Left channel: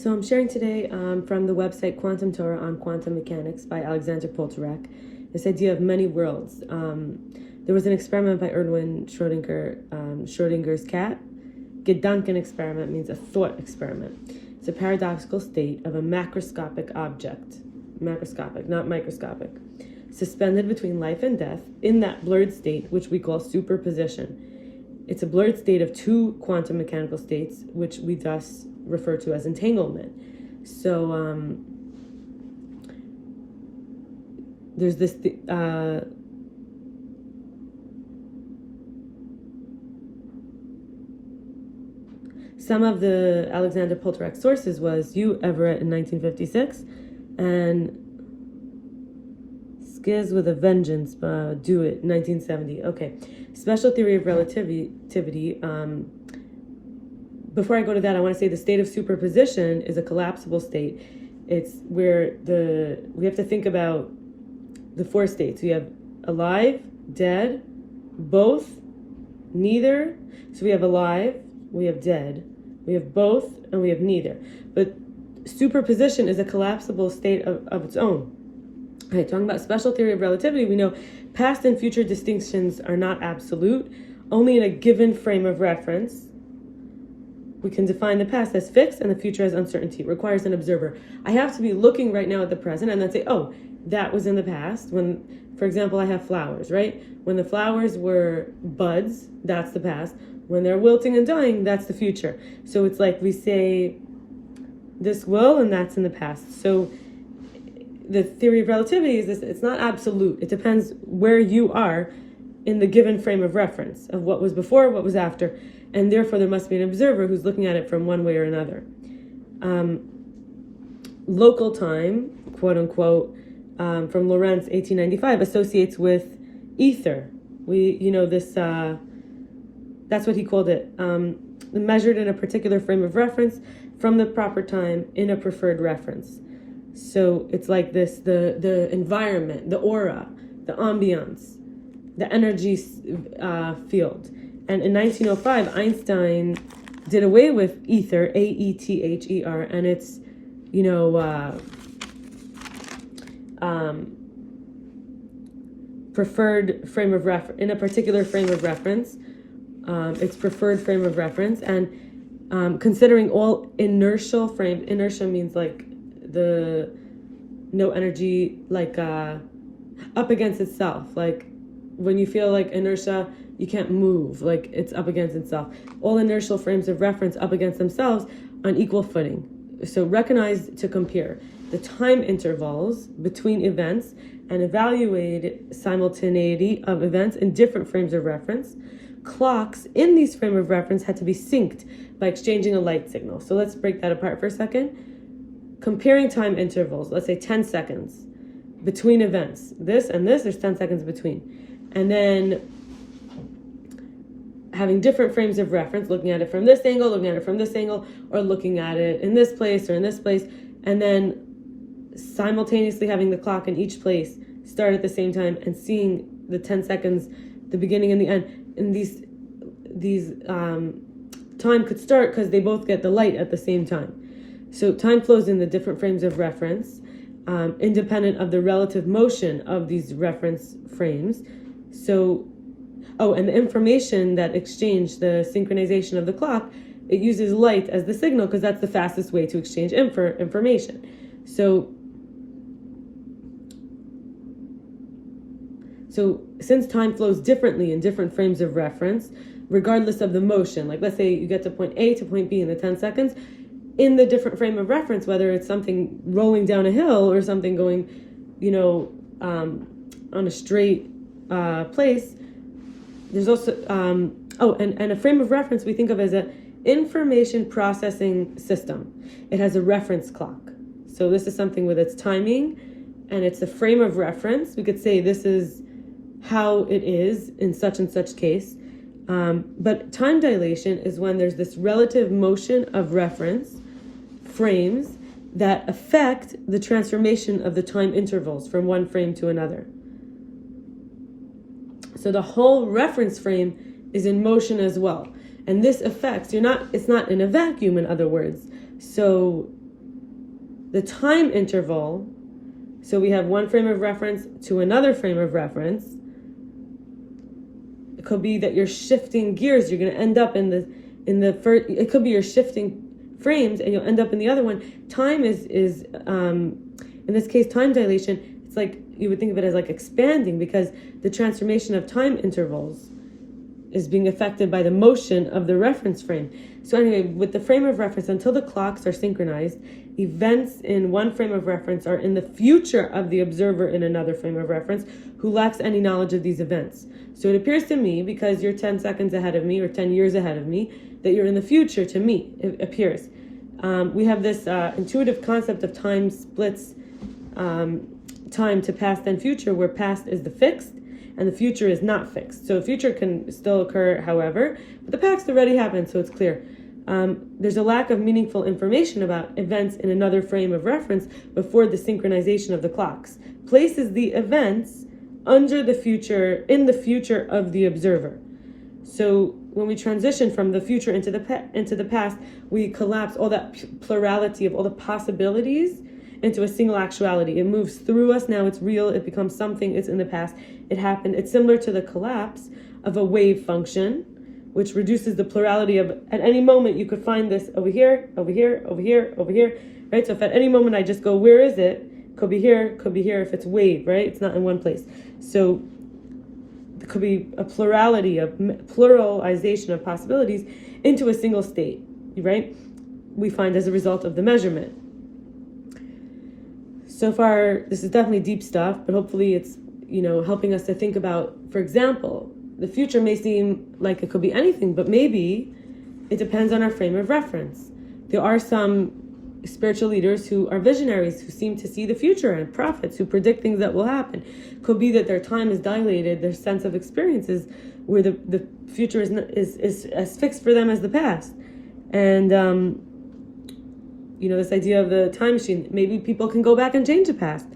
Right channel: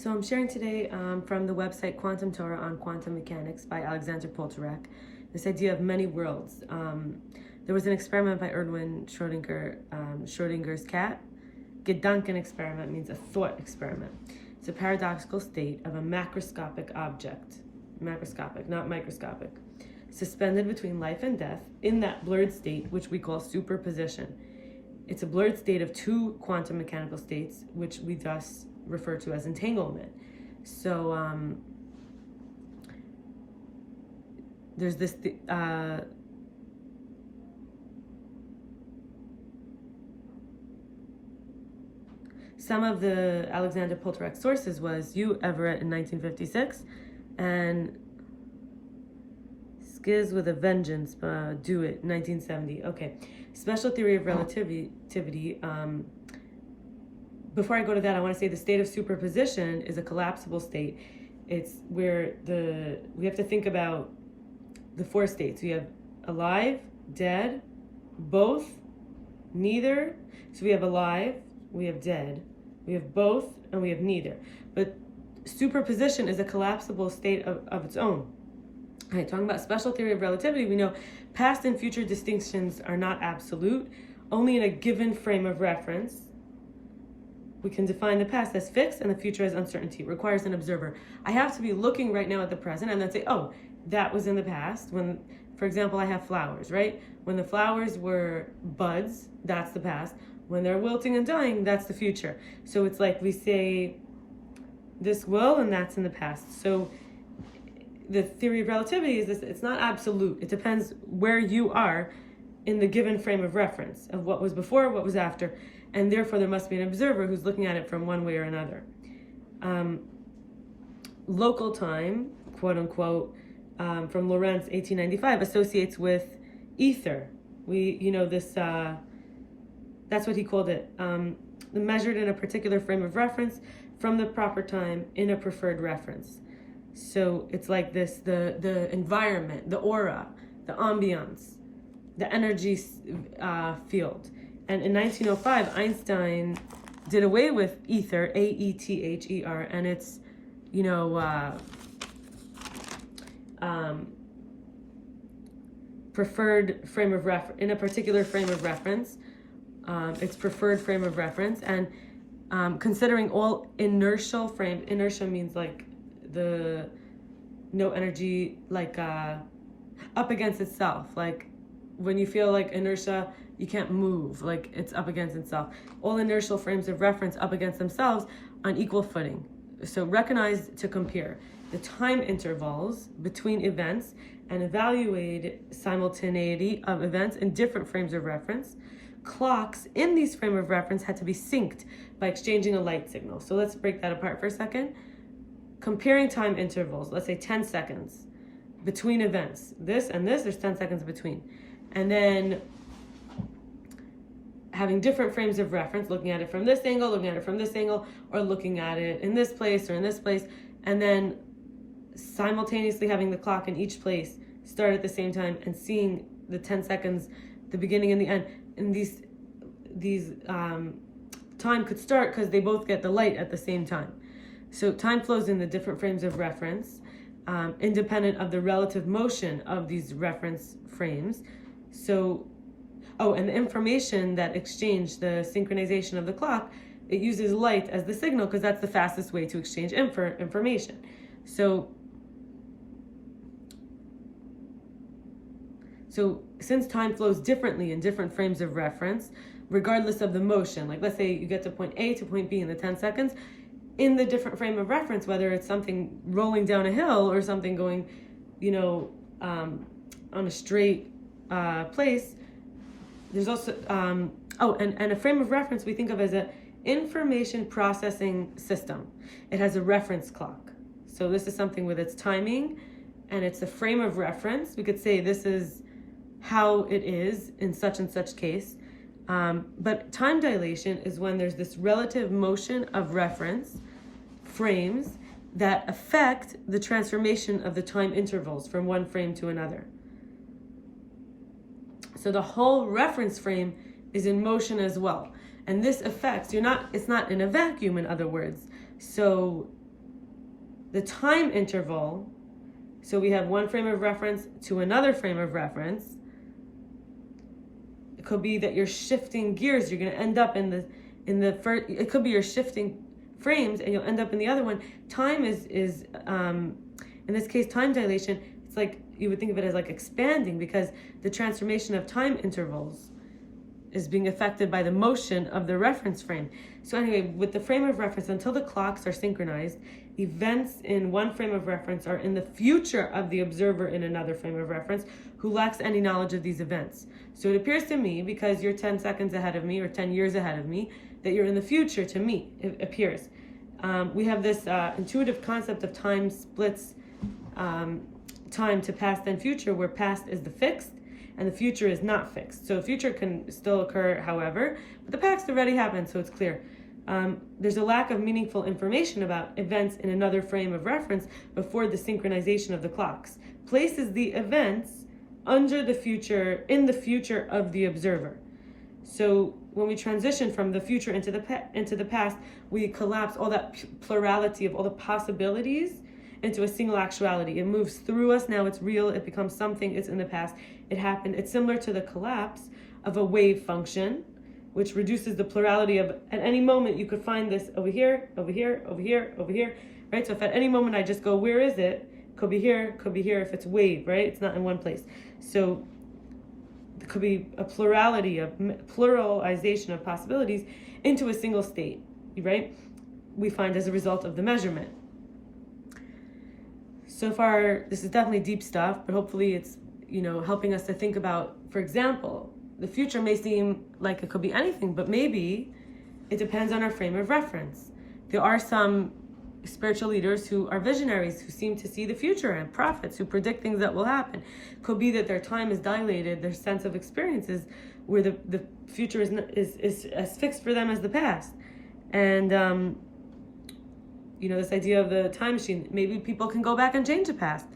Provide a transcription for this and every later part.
So I'm sharing today from the website Quantum Torah on Quantum Mechanics by Alexander Poltorek, this idea of many worlds. There was an experiment by Erwin Schrödinger, Schrödinger's cat. Gedanken experiment means a thought experiment. It's a paradoxical state of a macroscopic object, macroscopic, not microscopic, suspended between life and death in that blurred state, which we call superposition. It's a blurred state of two quantum mechanical states, which we thus refer to as entanglement. So there's this some of the Alexander Poltorek sources was Hugh Everett in 1956 and Skiz with a Vengeance, Do It, 1970. Okay, special theory of relativity. Before I go to that, I want to say the state of superposition is a collapsible state. It's where we have to think about the four states. We have alive, dead, both, neither. So we have alive, we have dead, we have both, and we have neither. But superposition is a collapsible state of its own. All right, talking about special theory of relativity, we know past and future distinctions are not absolute. Only in a given frame of reference, we can define the past as fixed and the future as uncertainty. It requires an observer. I have to be looking right now at the present and then say, oh, that was in the past. When, for example, I have flowers, right? When the flowers were buds, that's the past. When they're wilting and dying, that's the future. So it's like we say, this will, and that's in the past. So the theory of relativity is this: it's not absolute. It depends where you are in the given frame of reference of what was before, what was after, and therefore there must be an observer who's looking at it from one way or another. Local time, quote unquote, from Lorentz, 1895, associates with ether. That's what he called it. Measured in a particular frame of reference from the proper time in a preferred reference. So it's like this: the environment, the aura, the ambiance, the energy field. And in 1905, Einstein did away with ether, A-E-T-H-E-R, and it's, preferred frame of reference, in a particular frame of reference, its preferred frame of reference, and considering all inertial frames. Inertia means like no energy, like up against itself, like when you feel like inertia, you can't move, like it's up against itself. All inertial frames of reference up against themselves on equal footing. So recognize to compare the time intervals between events and evaluate simultaneity of events in different frames of reference. Clocks in these frames of reference had to be synced by exchanging a light signal. So let's break that apart for a second. Comparing time intervals, let's say 10 seconds between events. This and this, there's 10 seconds between. And then having different frames of reference, looking at it from this angle, looking at it from this angle, or looking at it in this place or in this place, and then simultaneously having the clock in each place start at the same time and seeing the 10 seconds, the beginning and the end. And these time could start because they both get the light at the same time. So time flows in the different frames of reference, independent of the relative motion of these reference frames. So, and the information that exchanged, the synchronization of the clock, it uses light as the signal because that's the fastest way to exchange information. So since time flows differently in different frames of reference, regardless of the motion, like let's say you get to point A to point B in the 10 seconds, in the different frame of reference, whether it's something rolling down a hill or something going, on a straight place, there's also, and a frame of reference we think of as an information processing system. It has a reference clock. So this is something with its timing, and it's a frame of reference. We could say this is how it is in such and such case. But time dilation is when there's this relative motion of reference frames that affect the transformation of the time intervals from one frame to another. So the whole reference frame is in motion as well. And this affects, it's not in a vacuum, in other words. So the time interval, so we have one frame of reference to another frame of reference. It could be that you're shifting gears. You're going to end up in the first. It could be you're shifting frames, and you'll end up in the other one. Time is in this case, time dilation. It's like you would think of it as like expanding, because the transformation of time intervals is being affected by the motion of the reference frame. So anyway, with the frame of reference, until the clocks are synchronized, events in one frame of reference are in the future of the observer in another frame of reference who lacks any knowledge of these events. So it appears to me, because you're 10 seconds ahead of me or 10 years ahead of me, that you're in the future to me, it appears. We have this intuitive concept of time splits time to past and future, where past is the fixed and the future is not fixed. So the future can still occur, however, but the past already happened, so it's clear. There's a lack of meaningful information about events in another frame of reference before the synchronization of the clocks places the events under the future, in the future of the observer. So when we transition from the future into the past, we collapse all that plurality of all the possibilities into a single actuality. It moves through us. Now it's real. It becomes something. It's in the past. It happened. It's similar to the collapse of a wave function, which reduces the plurality of, at any moment you could find this over here, over here, over here, over here, right? So if at any moment I just go, where is it? Could be here, could be here if it's wave, right? It's not in one place. So there could be a plurality of, pluralization of possibilities into a single state, right? We find as a result of the measurement. So far, this is definitely deep stuff, but hopefully it's, helping us to think about, for example, the future may seem like it could be anything, but maybe it depends on our frame of reference. There are some spiritual leaders who are visionaries, who seem to see the future, and prophets who predict things that will happen. Could be that their time is dilated, their sense of experiences where the future is as fixed for them as the past. And this idea of the time machine, maybe people can go back and change the past.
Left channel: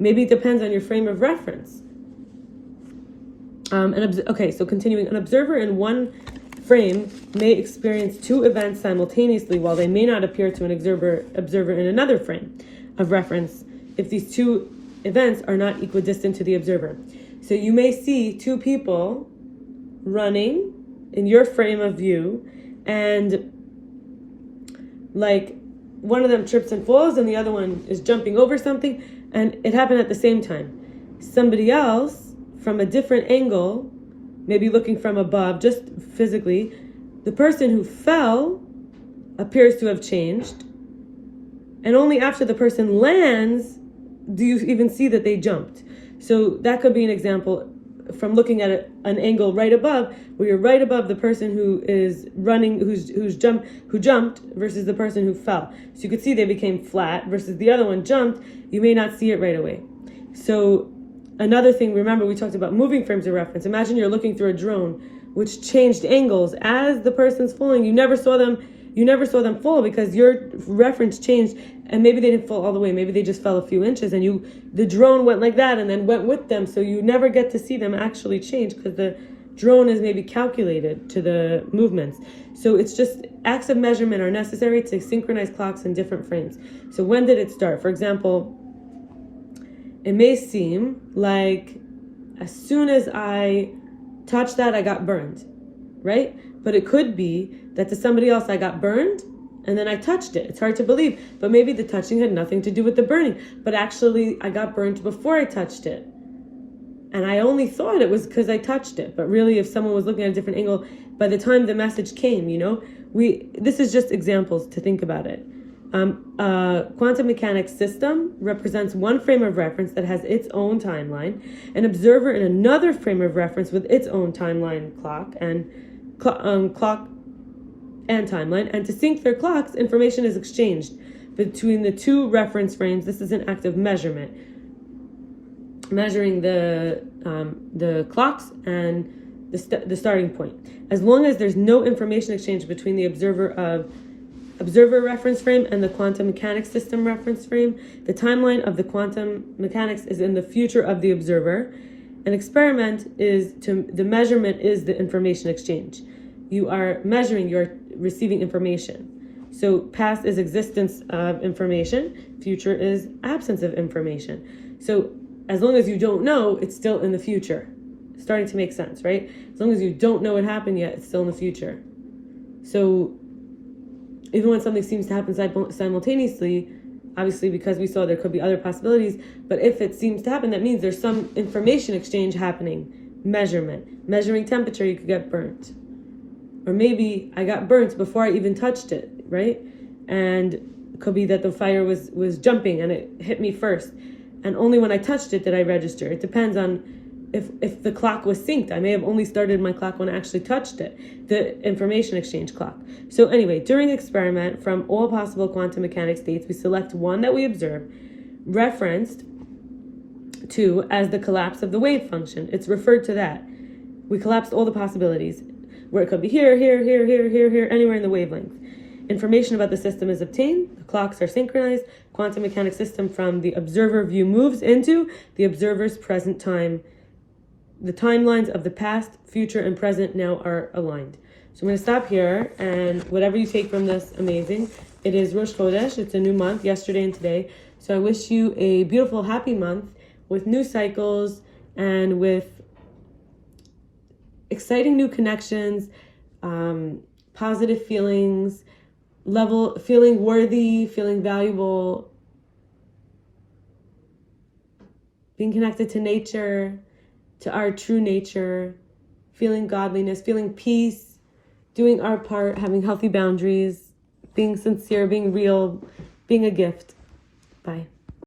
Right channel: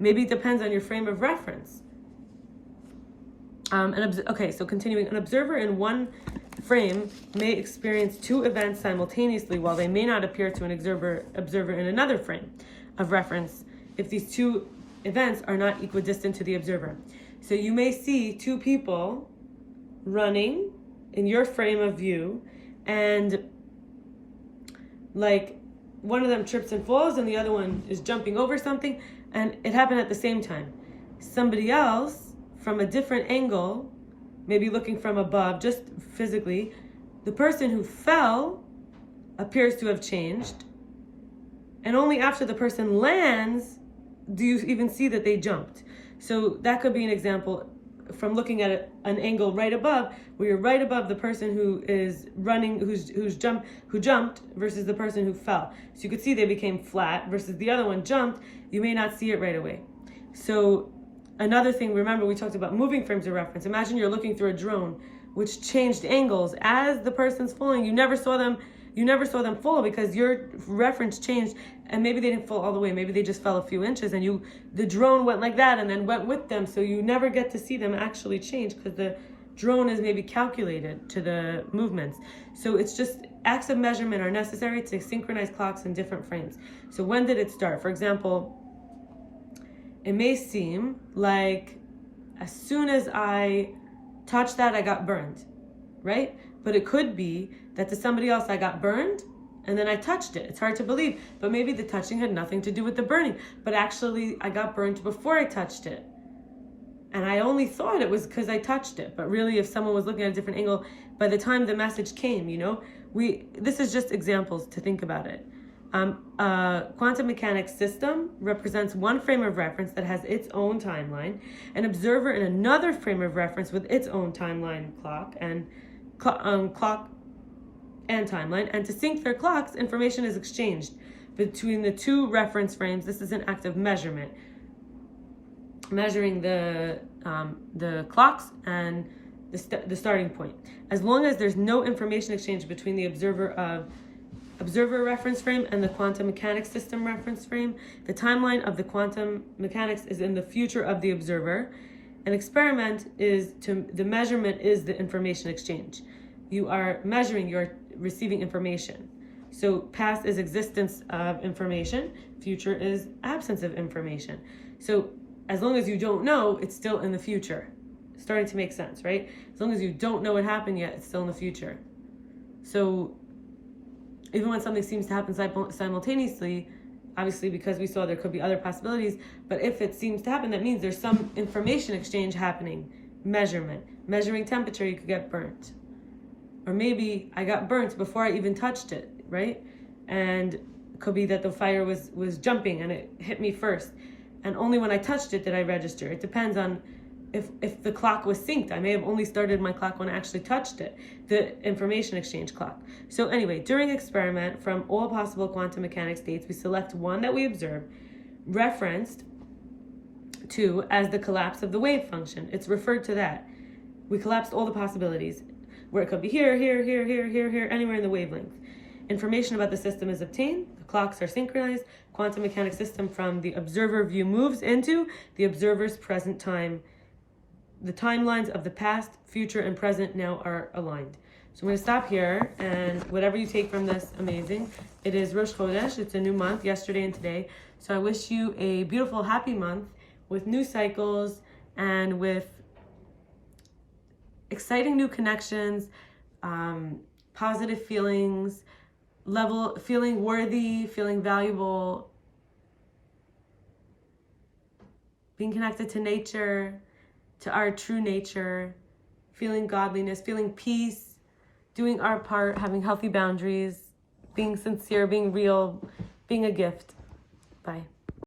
Maybe it depends on your frame of reference. So continuing, an observer in one frame may experience two events simultaneously, while they may not appear to an observer in another frame of reference if these two events are not equidistant to the observer. So you may see two people running in your frame of view, and like one of them trips and falls and the other one is jumping over something, and it happened at the same time. Somebody else from a different angle, maybe looking from above, just physically, the person who fell appears to have changed, and only after the person lands do you even see that they jumped. So that could be an example from looking at an angle right above, where you're right above the person who is running, who jumped versus the person who fell. So you could see they became flat versus the other one jumped. You may not see it right away. So another thing, remember we talked about moving frames of reference. Imagine you're looking through a drone, which changed angles as the person's falling. You never saw them fall because your reference changed, and maybe they didn't fall all the way. Maybe they just fell a few inches, and the drone went like that and then went with them. So you never get to see them actually change because the drone is maybe calculated to the movements. So it's just acts of measurement are necessary to synchronize clocks in different frames. So when did it start? For example, it may seem like as soon as I touched that, I got burned, right? But it could be that to somebody else I got burned and then I touched it. It's hard to believe, but maybe the touching had nothing to do with the burning, but actually I got burned before I touched it. And I only thought it was because I touched it, but really if someone was looking at a different angle, by the time the message came, this is just examples to think about it. A quantum mechanics system represents one frame of reference that has its own timeline, an observer in another frame of reference with its own timeline, clock and timeline, and to sync their clocks, information is exchanged between the two reference frames. This is an act of measurement, measuring the clocks and the starting point. As long as there's no information exchange between the observer reference frame and the quantum mechanics system reference frame, the timeline of the quantum mechanics is in the future of the observer. An experiment the measurement is the information exchange. You are measuring, you're receiving information. So past is existence of information, future is absence of information. So as long as you don't know, it's still in the future. Starting to make sense, right? As long as you don't know what happened yet, it's still in the future. So even when something seems to happen simultaneously, obviously because we saw there could be other possibilities, but if it seems to happen, that means there's some information exchange happening. Measuring temperature, you could get burnt. Or maybe I got burnt before I even touched it, right? And it could be that the fire was jumping and it hit me first. And only when I touched it did I register. It depends on if the clock was synced. I may have only started my clock when I actually touched it, the information exchange clock. So anyway, during experiment, from all possible quantum mechanics states, we select one that we observe, referenced to as the collapse of the wave function. It's referred to that. We collapsed all the possibilities, where it could be here, anywhere in the wavelength. Information about the system is obtained, the clocks are synchronized, quantum mechanics system from the observer view moves into the observer's present time. The timelines of the past, future, and present now are aligned. So I'm going to stop here, and whatever you take from this, amazing. It is Rosh Chodesh, it's a new month, yesterday and today. So I wish you a beautiful, happy month with new cycles and with exciting new connections, positive feelings, feeling worthy, feeling valuable, being connected to nature, to our true nature, feeling godliness, feeling peace, doing our part, having healthy boundaries, being sincere, being real, being a gift. Bye.